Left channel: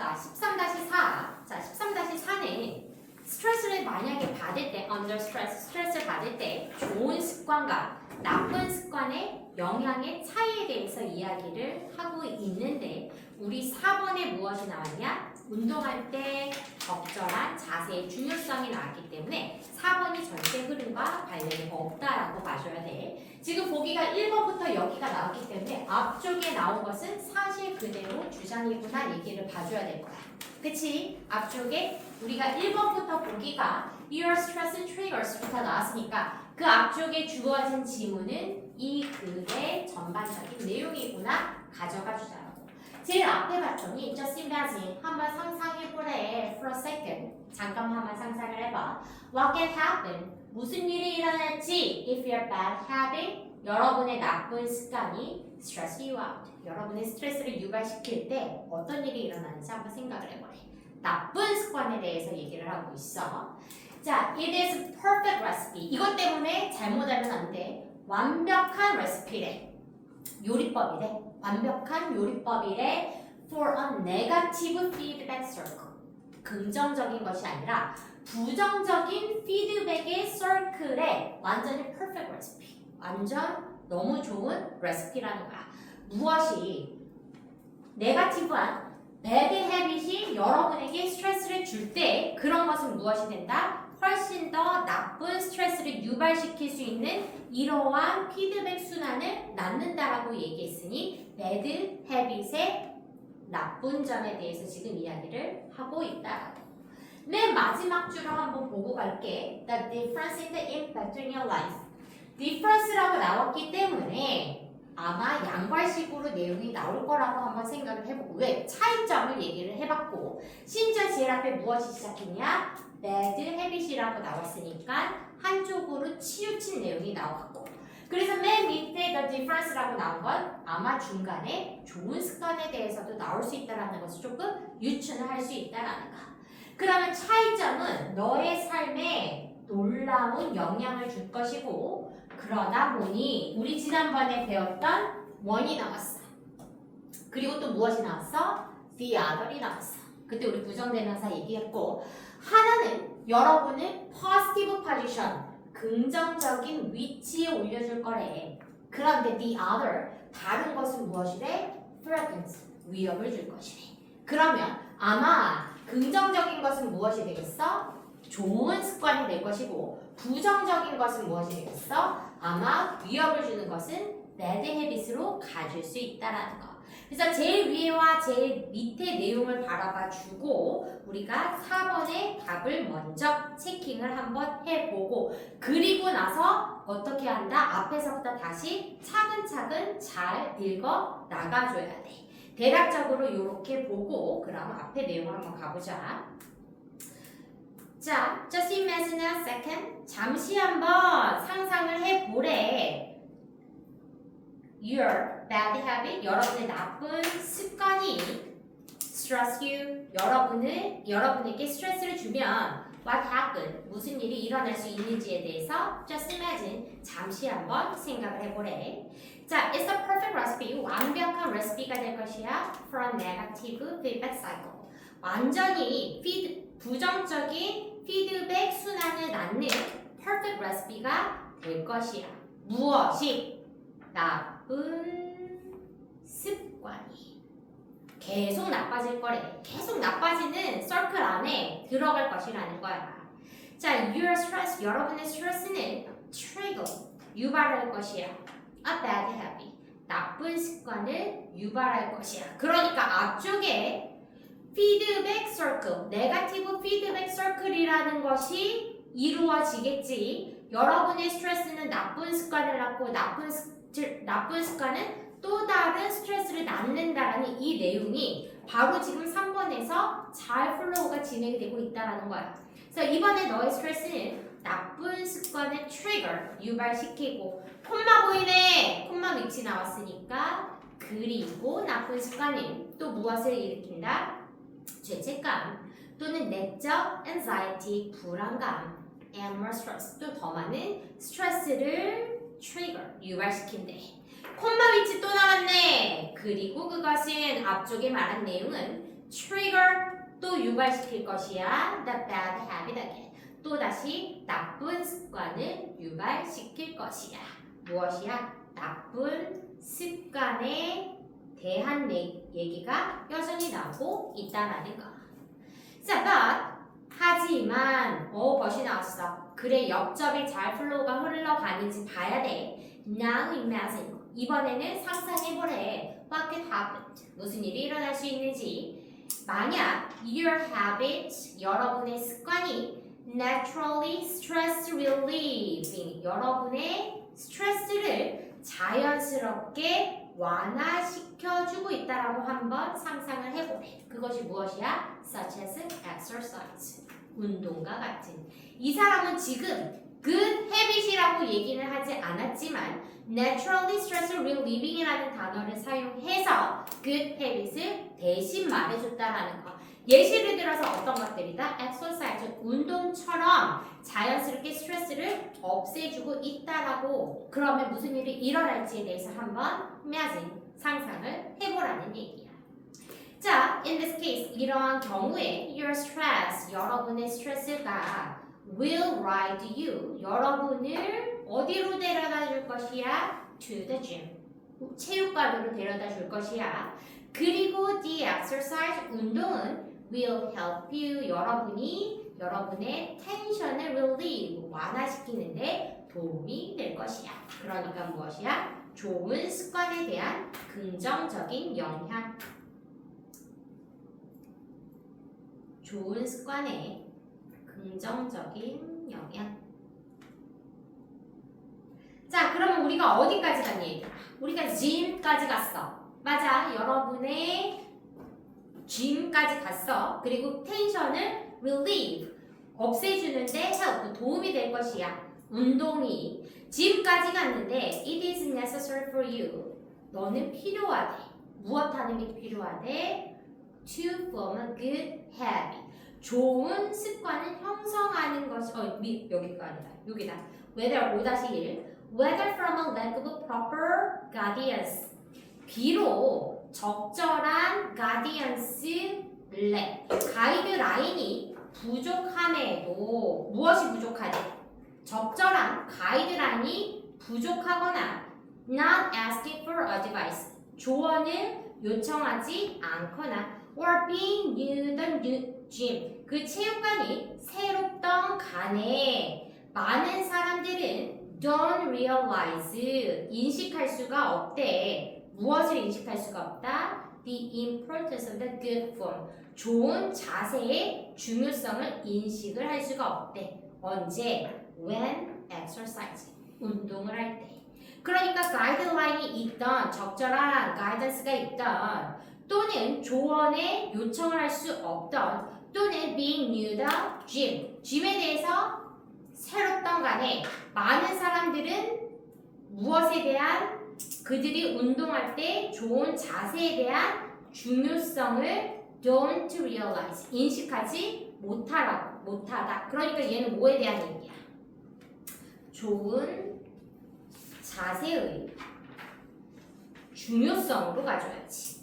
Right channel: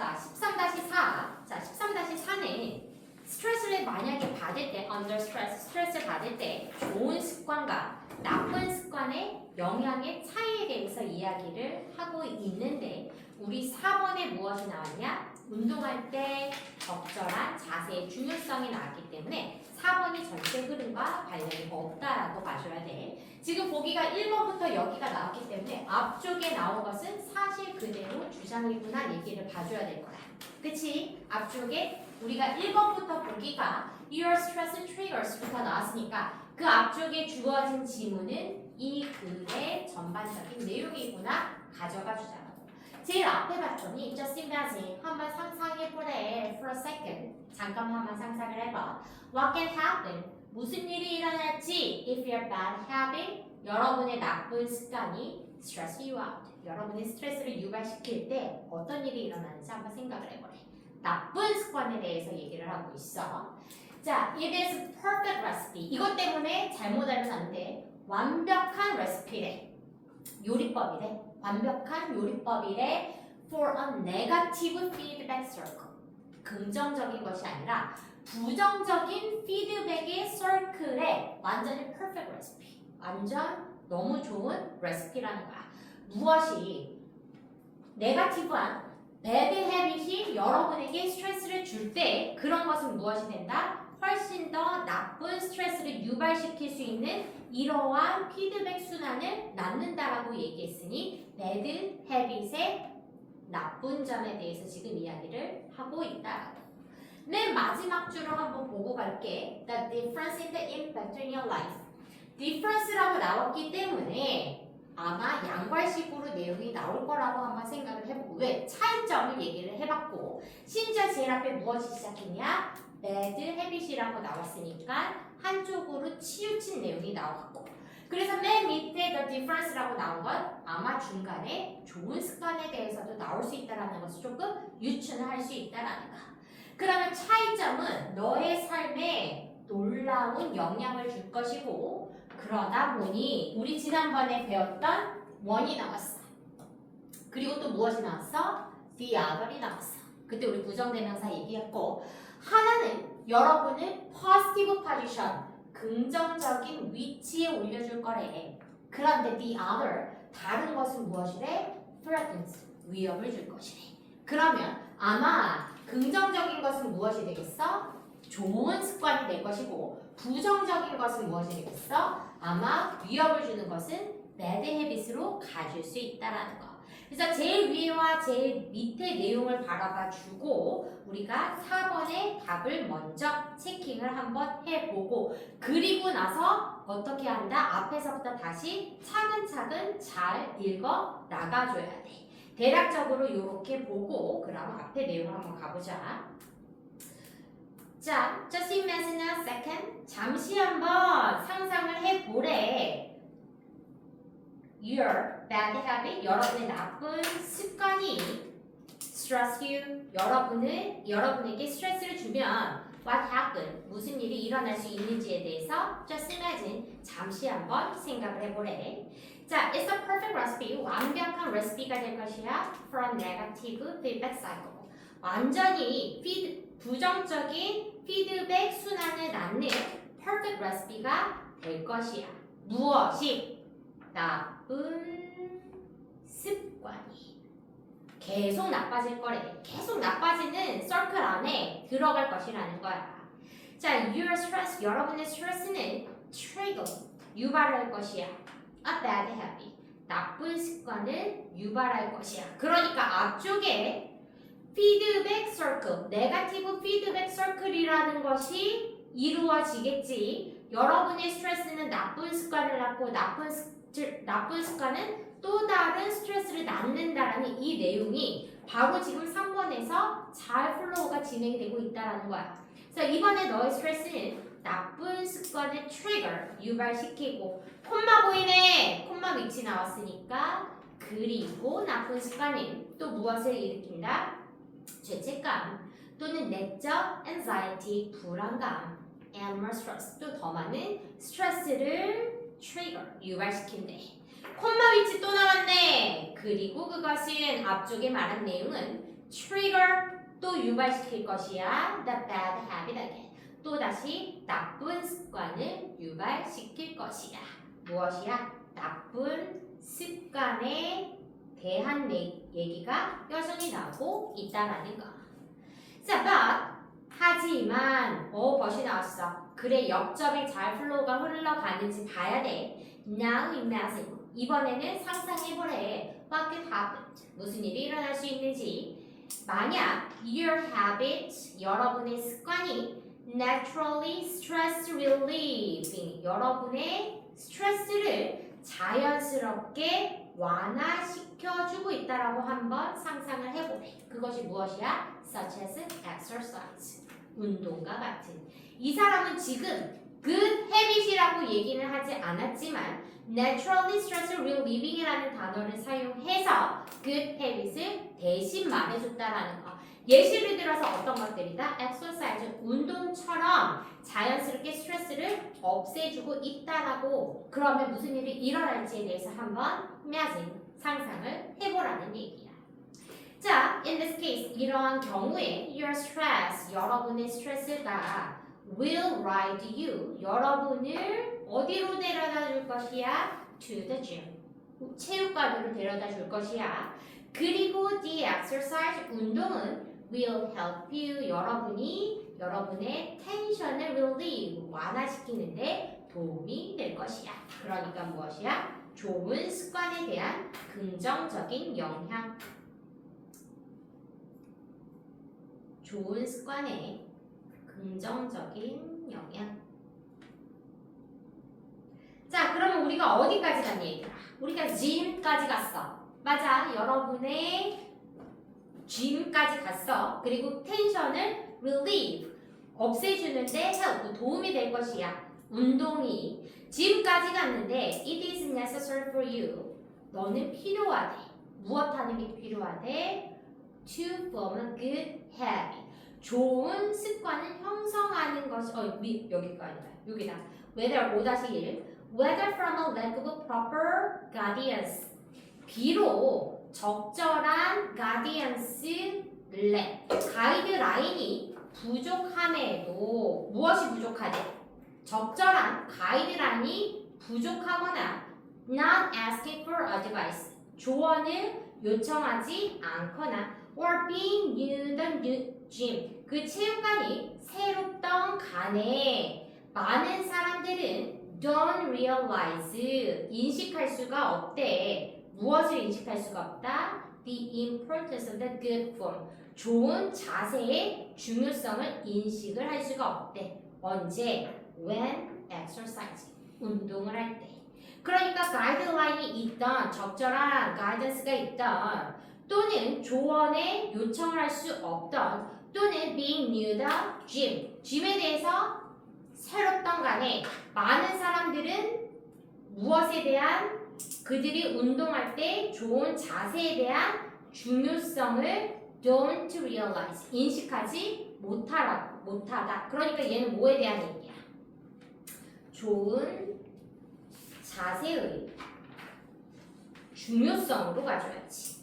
자, 13-4. 자, 13-4는 스트레스를 만약에 받을 때, under stress, 스트레스를 받을 때 좋은 습관과 나쁜 습관의 영향의 차이에 대해서 이야기를 하고 있는데 우리 4번에 무엇이 나왔냐? 운동할 때 적절한 자세의 중요성이 나왔기 때문에 4번이 전체 흐름과 관련이 없다라고 봐줘야 돼. 지금 보기가 1번부터 여기가 나왔기 때문에 앞쪽에 나온 것은 사실 그대로 주장이구나 얘기를 봐줘야 될 거야. 그치? 앞쪽에 우리가 1번부터 보기가 Your stress triggers부터 나왔으니까 그 앞쪽에 주어진 지문은 이 글의 전반적인 내용이구나 가져가 주자고. 제일 앞에 봤더니 just imagine 한번 상상해보래 for a second. 잠깐 한번 상상을 해봐. What can happen? 무슨 일이 일어날지 if your bad habit 여러분의 나쁜 습관이 stress you out. 여러분의 스트레스를 유발시킬 때 어떤 일이 일어나는지 한번 생각을 해보래. 나쁜 습관에 대해서 얘기를 하고 있어. 자, it is perfect recipe. 이것 때문에 잘못하면 안 돼. 완벽한 레시피래. 요리법이래. 완벽한 요리법이래. For a negative feedback circle. 긍정적인 것이 아니라 부정적인 피드백의 서클에 완전히 perfect recipe. 완전 너무 좋은 레시피라는 거야. 무엇이 네거티브한 bad habit이 여러분에게 스트레스를 줄 때 그런 것은 무엇이 된다? 훨씬 더 나쁜 스트레스를 유발시킬 수 있는 이러한 피드백 순환을 낳는다라고 얘기했으니 bad habit의 나쁜 점에 대해서 지금 이야기를 하고 있다. 맨 마지막 줄을 한번 보고 갈게. The difference in the impact in your life. difference라고 나왔기 때문에 아마 양괄식으로 내용이 나올 거라고 한번 생각을 해보고 왜? 차이점을 얘기를 해봤고 심지어 제일 앞에 무엇이 시작했냐? bad habit이라고 나왔으니까 한쪽으로 치우친 내용이 나왔고 그래서 맨 밑에 the difference라고 나온 건 아마 중간에 좋은 습관에 대해서도 나올 수 있다는 것을 조금 유추를 할 수 있다는 거. 그러면 차이점은 너의 삶에 놀라운 영향을 줄 것이고 그러다 보니 우리 지난번에 배웠던 one이 나왔어. 그리고 또 무엇이 나왔어? the other이 나왔어. 그때 우리 부정대명사 얘기했고 하나는 여러분을 positive position, 긍정적인 위치에 올려줄 거래. 그런데 the other, 다른 것은 무엇이래? threatens, 위협을 줄 것이래. 그러면 아마 긍정적인 것은 무엇이 되겠어? 좋은 습관이 될 것이고 부정적인 것은 무엇이 되겠어? 아마 위협을 주는 것은 bad habits로 가질 수 있다라는 거. 그래서 제일 위와 제일 밑에 내용을 바라봐 주고 우리가 4번의 답을 먼저 체킹을 한번 해보고 그리고 나서 어떻게 한다? 앞에서부터 다시 차근차근 잘 읽어 나가줘야 돼. 대략적으로 이렇게 보고 그럼 앞에 내용 한번 가보자. 자, just imagine a second. 잠시 한번 상상을 해보래. Your bad habit, 여러분의 나쁜 습관이 stress you, 여러분에게 스트레스를 주면 what happened, 무슨 일이 일어날 수 있는지에 대해서 just imagine, 잠시 한번 생각을 해보래. 자, it's a perfect recipe, 완벽한 레시피가 될 것이야 for a negative feedback cycle. 완전히 부정적인 피드백 순환을 낳는 perfect recipe가 될 것이야. 무엇이? 나쁜 습관이 계속 나빠질 거래. 계속 나빠지는 서클 안에 들어갈 것이라는 거야. 자, your stress, 여러분의 스트레스는 trigger, 유발할 것이야. A bad habit, 나쁜 습관을 유발할 것이야. 그러니까 앞쪽에 피드백 서클, 네거티브 피드백 서클이라는 것이 이루어지겠지. 여러분의 스트레스는 나쁜 습관을 낳고 나쁜 습관은 또 다른 스트레스를 낳는다라는 이 내용이 바로 지금 3번에서 잘 플로우가 진행이 되고 있다는 거야. 그래서 이번에 너의 스트레스는 나쁜 습관을 트리거, 유발시키고 콤마 보이네. 콤마 위치 나왔으니까 그리고 나쁜 습관은 또 무엇을 일으킨다? 죄책감 또는 내적 anxiety, 불안감, and more stress, 또 더 많은 스트레스를 트리거, 유발시킨대. 콤마 위치 또 나왔네. 그리고 그것은 앞쪽에 말한 내용은 trigger 또 유발시킬 것이야. the bad habit again. 또 다시 나쁜 습관을 유발시킬 것이야. 무엇이야? 나쁜 습관에 대한 얘기가 여전히 나오고 있다라는 거. 자, but 하지만 벗이 나왔어. 그래, 역점이 잘 플로우가 흘러가는지 봐야 돼. Now imagine. 이번에는 상상해보래. What could happen? 무슨 일이 일어날 수 있는지. 만약 your habit, 여러분의 습관이 naturally stress relieving, 여러분의 스트레스를 자연스럽게 완화시켜주고 있다라고 한번 상상을 해보래. 그것이 무엇이야? Such as exercise, 운동과 같은. 이 사람은 지금 good habit이라고 얘기는 하지 않았지만 naturally stress relieving이라는 단어를 사용해서 good habit을 대신 말해줬다라는 거. 예시를 들어서 어떤 것들이다? exercise, 운동처럼 자연스럽게 스트레스를 없애주고 있다라고. 그러면 무슨 일이 일어날지에 대해서 한번 imagine, 상상을 해보라는 얘기야. 자, in this case, 이러한 경우에 your stress, 여러분의 스트레스가 will ride you, 여러분을 어디로 데려다 줄 것이야? To the gym, 체육관으로 데려다 줄 것이야. 그리고 the exercise, 운동은 will help you, 여러분의 텐션을 relieve, 완화시키는데 도움이 될 것이야. 그러니까 무엇이야? 좋은 습관에 대한 긍정적인 영향. 좋은 습관에 긍정적인 영향. 자, 그러면 우리가 어디까지 간 얘기야? 우리가 gym까지 갔어. 맞아, 여러분의 gym까지 갔어. 그리고 텐션을 relieve, 없애주는데 help, 도움이 될 것이야. 운동이 gym까지 갔는데 it is necessary for you, 너는 필요하대. 무엇 하는 게 필요하대? To form a good habit, 좋은 습관을 형성하는 것이 여기가 아니다. 여기다. Whether 5-1 Whether from a lack of proper guidance, 비록 적절한 guidance, 가이드라인이 부족함에도 무엇이 부족하대? 적절한 가이드라인이 부족하거나 not asking for advice, 조언을 요청하지 않거나 or being new the gym, 그 체육관이 새롭던 간에 많은 사람들은 don't realize, 인식할 수가 없대. 무엇을 인식할 수가 없다? The importance of the good form, 좋은 자세의 중요성을 인식을 할 수가 없대. 언제? When exercise, 운동을 할 때. 그러니까 가이드라인이 있던, 적절한 가이던스가 있던, 또는 조언에 요청을 할 수 없던, 또는 being new the gym, gym에 대해서 새롭던 간에 많은 사람들은 무엇에 대한, 그들이 운동할 때 좋은 자세에 대한 중요성을 don't realize, 인식하지 못하다. 그러니까 얘는 뭐에 대한 얘기야? 좋은 자세의 중요성으로 가져야지.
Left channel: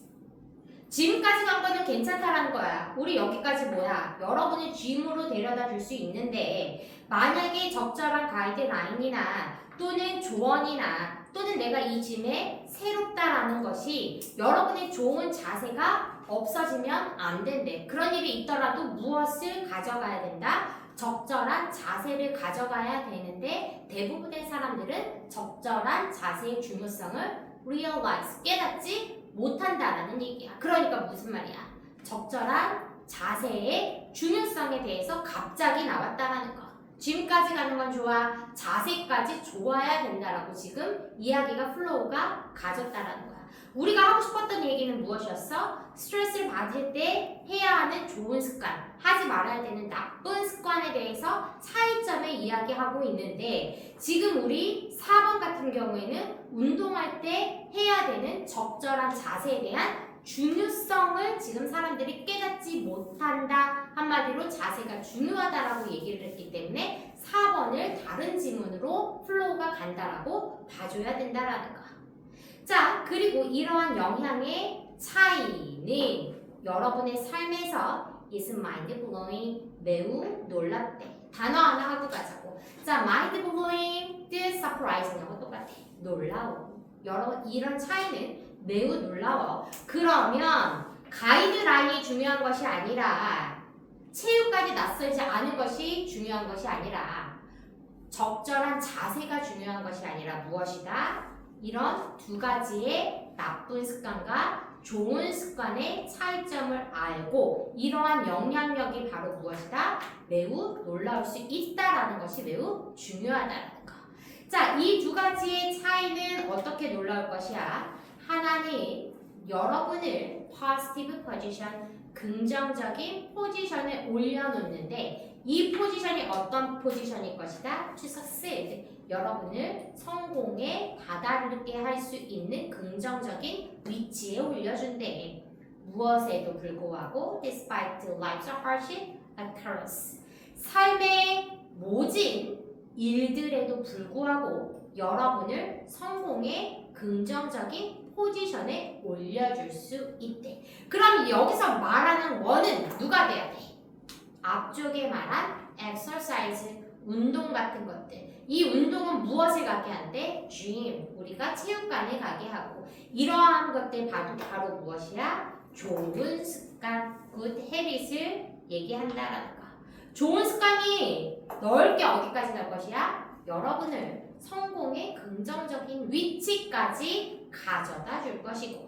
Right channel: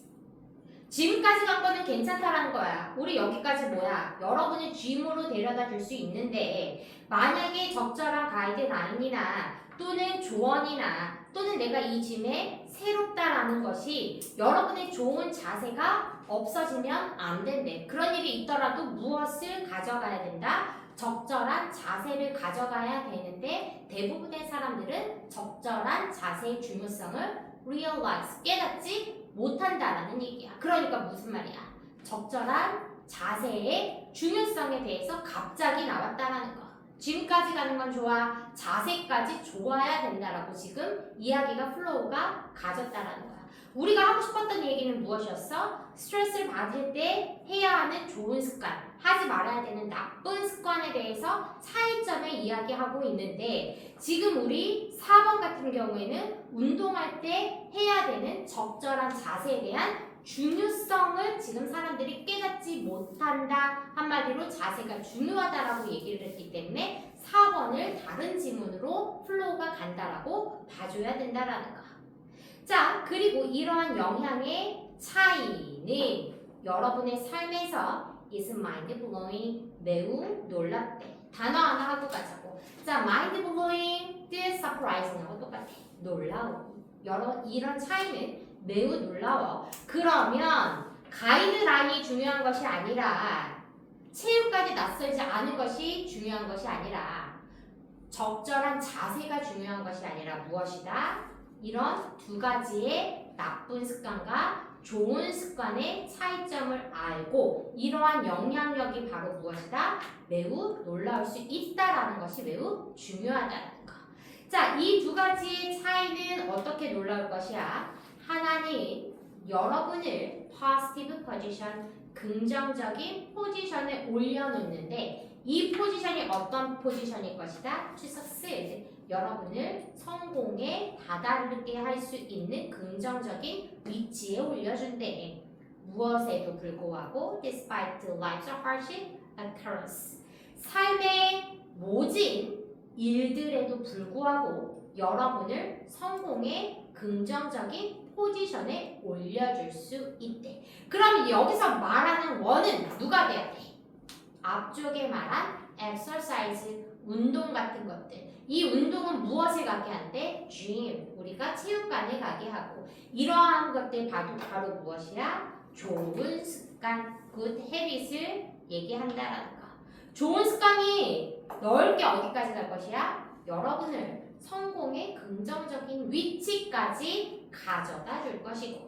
지금까지 간 거는 괜찮다라는 거야. 우리 여기까지 뭐야? 여러분의 gym으로 데려다 줄 수 있는데 만약에 적절한 가이드라인이나 또는 조언이나 또는 내가 이 gym에 새롭다라는 것이 여러분의 좋은 자세가 없어지면 안 된대. 그런 일이 있더라도 무엇을 가져가야 된다? 적절한 자세를 가져가야 되는데 대부분의 사람들은 적절한 자세의 중요성을 realize, 깨닫지 못한다라는 얘기야. 그러니까 무슨 말이야? 적절한 자세의 중요성에 대해서 갑자기 나왔다라는 거. 지금까지 가는 건 좋아. 자세까지 좋아야 된다라고 지금 이야기가 플로우가 가졌다라는 거야. 우리가 하고 싶었던 얘기는 무엇이었어? 스트레스를 받을 때 해야 하는 좋은 습관, 하지 말아야 되는 나쁜 습관에 대해서 차이점을 이야기하고 있는데 지금 우리 4번 같은 경우에는 운동할 때 해야 되는 적절한 자세에 대한 중요성을 지금 사람들이 깨닫지 못한다. 한마디로 자세가 중요하다라고 얘기를 했기 때문에 4번을 다른 지문으로 플로우가 간다라고 봐줘야 된다라는 거. 자, 그리고 이러한 영향의 차이는 여러분의 삶에서 is mind blowing 매우 놀랍대. 단어 하나 하고 가자고. 자, mind blowing, surprising하고 똑같아. 놀라워. 이런 차이는 매우 놀라워. 그러면 가이드라인이 중요한 것이 아니라 체육까지 낯설지 않은 것이 중요한 것이 아니라 적절한 자세가 중요한 것이 아니라 무엇이다? 이런 두 가지의 나쁜 습관과 좋은 습관의 차이점을 알고 이러한 영향력이 바로 무엇이다? 매우 놀라울 수 있다라는 것이 매우 중요하다는 거. 자, 이 두 가지의 차이는 어떻게 놀라울 것이야? 하나는 여러분을 positive position, 긍정적인 포지션에 올려놓는데 이 포지션이 어떤 포지션일 것이다? To succeed, 여러분을 성공에 다다르게 할 수 있는 긍정적인 위치에 올려준대. 무엇에도 불구하고 despite life's hardship occurs, 삶의 모진 일들에도 불구하고 여러분을 성공의 긍정적인 포지션에 올려줄 수 있대. 그럼 여기서 말하는 원은 누가 돼야 돼? 앞쪽에 말한 exercise, 운동 같은 것들. 이 운동은 무엇을 가게 한대? dream, 우리가 체육관에 가게 하고 이러한 것들 바로 무엇이야? 좋은 습관, good habit을 얘기한다라는 거. 좋은 습관이 넓게 어디까지 갈 것이야? 여러분을 성공의 긍정적인 위치까지 가져다 줄 것이고,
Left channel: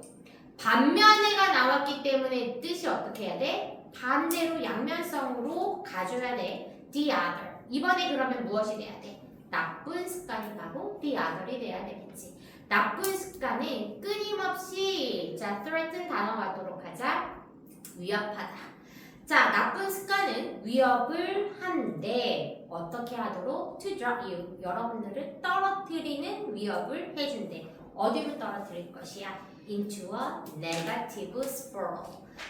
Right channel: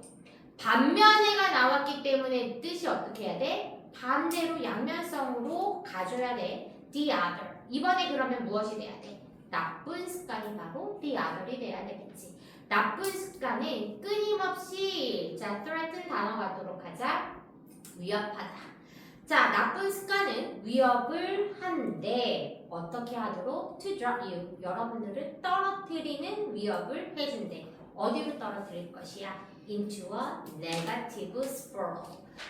반면에가 나왔기 때문에 뜻이 어떻게 해야 돼? 반대로 양면성으로 가져야 돼. the other. 이번에 그러면 무엇이 돼야 돼? 나쁜 습관이 바로 the other이 돼야 되겠지. 나쁜 습관은 끊임없이 자, threaten 단어 갖도록 하자. 위협하다. 자, 나쁜 습관은 위협을 하는데 어떻게 하도록? To drop you, 여러분들을 떨어뜨리는 위협을 해준대. 어디로 떨어뜨릴 것이야? Into a negative spiral,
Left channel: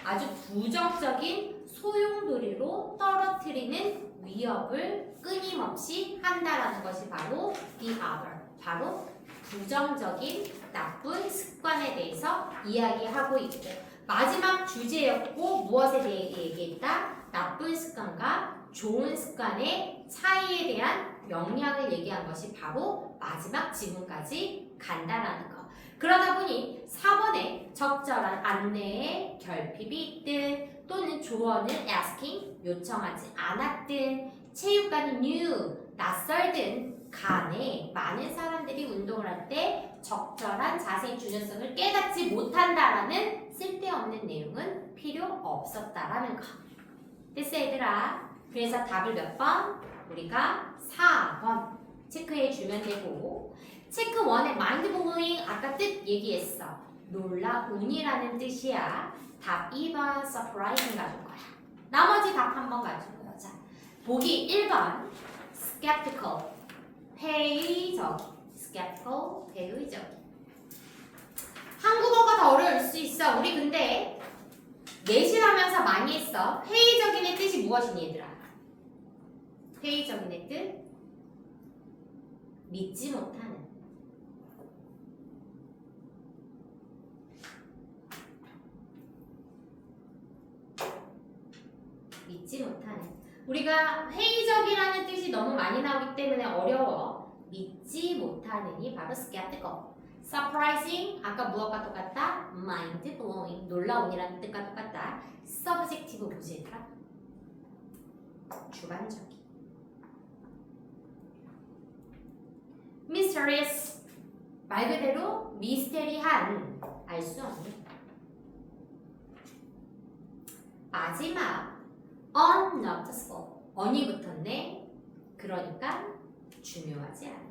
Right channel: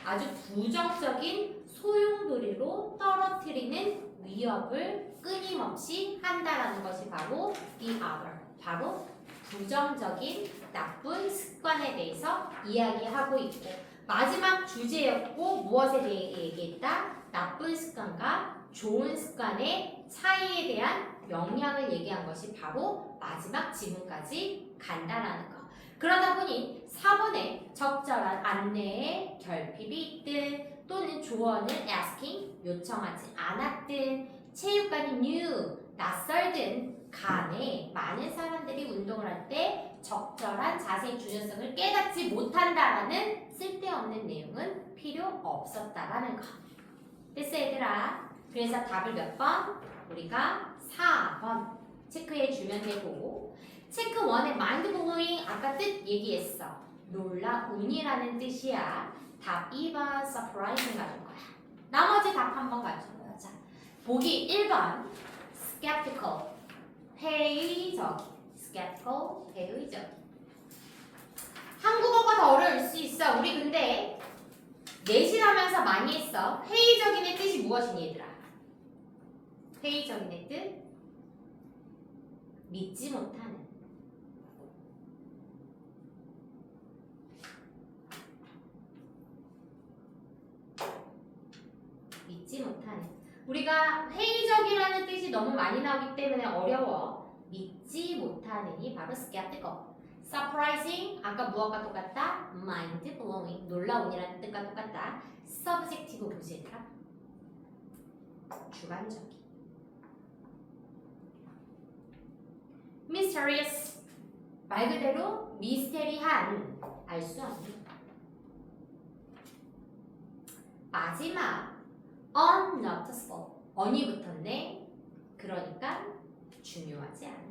아주 부정적인 소용돌이로 떨어뜨리는 위협을 끊임없이 한다라는 것이 바로 the other, 바로 부정적인 나쁜 습관에 대해서 이야기하고 있고, 마지막 주제였고 무엇에 대해 얘기했다? 나쁜 습관과 좋은 습관의 차이에 대한 영향을 얘기한 것이 바로 마지막 지문까지 간다라는 거. 그러다 보니 4번에 적절한 안내에 결핍이 있든 또는 조언을 asking, 요청하지 않았든 체육관이 new, 낯설든 간에 많은 사람들이 운동을 할 때 적절한 자세의 중요성을 깨닫지 못한다라는 쓸데없는 내용은 필요 없었다라는 거. 됐어 얘들아? 그래서 답을 몇 번? 우리가 4번 체크해 주면 되고, 체크 1의 mind blowing 아까 뜻 얘기했어. 놀라운이라는 뜻이야. 답 2번 surprising 가줄 거야. 나머지 답 한번 가줄 거야. 자, 보기 1번 skeptical, 회의적. skeptical, 회의적. 한국어가 더 어려울 수 있어. 우리 근데 내신하면서 많이 했어. 회의적인의 뜻이 무엇이니 얘들아? 회의적인의 뜻? 믿지 못하는. 믿지 못하는. 우리가 회의적이라는 뜻이 너무 많이 나오기 때문에 어려워. 믿지 못하는이 바로 skeptical. surprising, 아까 무엇과 똑같다? mind blowing, 놀라운이라는 뜻과 똑같다. subjective 뭐지 얘들아? 주관적인. mysterious, 말 그대로 미스테리한, 알 수 없는. 마지막 unnoticeable, on이 붙었네. 그러니까 중요하지 않아.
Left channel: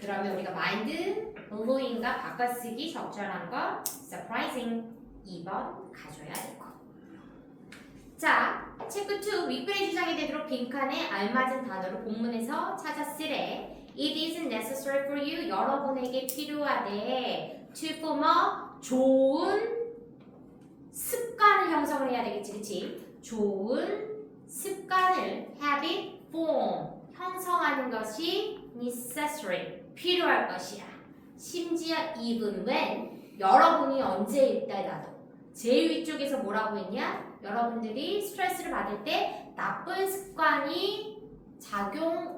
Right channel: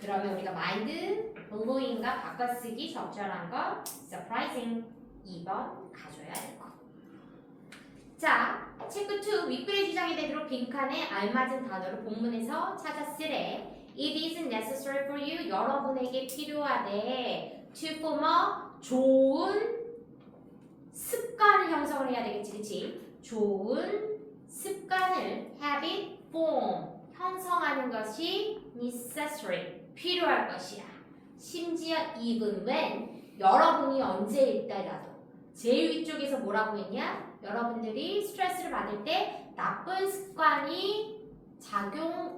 그러면 우리가 mind blowing과 바꿔쓰기 적절한 거 surprising 2번 가져야 될 거. 자, 체크 2 윗글의 주장이 되도록 빈칸에 알맞은 단어를 본문에서 찾아 쓰래. It is necessary for you, 여러분에게 필요하대. to form a, 좋은 습관을 형성을 해야 되겠지, 그치? 좋은 습관을 habit form 형성하는 것이 necessary 필요할 것이야. 심지어 even when 여러분이 언제 있더라도 제일 위쪽에서 뭐라고 했냐? 여러분들이 스트레스를 받을 때 나쁜 습관이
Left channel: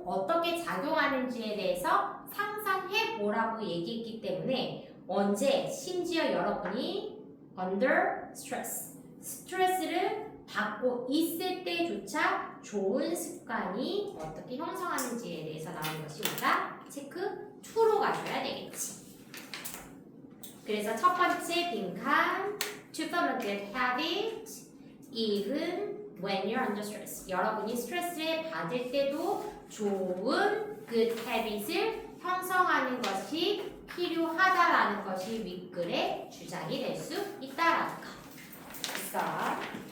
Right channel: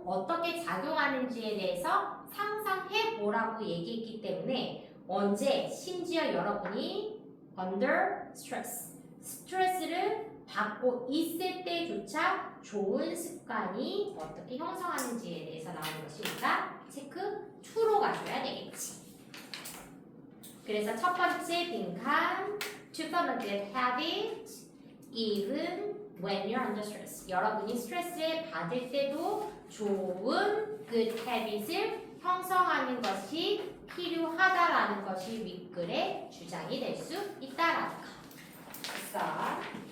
어떻게 작용하는지에 대해서 상상해 보라고 얘기했기 때문에 언제 심지어 여러분이 under stress 스트레스를 받고 있을 때조차 좋은 습관이 어떻게 형성하는지에 대해서 나오는 것이 우리가 체크 2로 가져야 되겠지. 그래서 첫 번째 빈칸 to form a good habit even when you're under stress. 여러분이 스트레스를 받을 때도 좋은 good habit을 형성하는 것이 필요하다라는 것이 윗글의 주장이 될 수 있다라는 거. 됐어.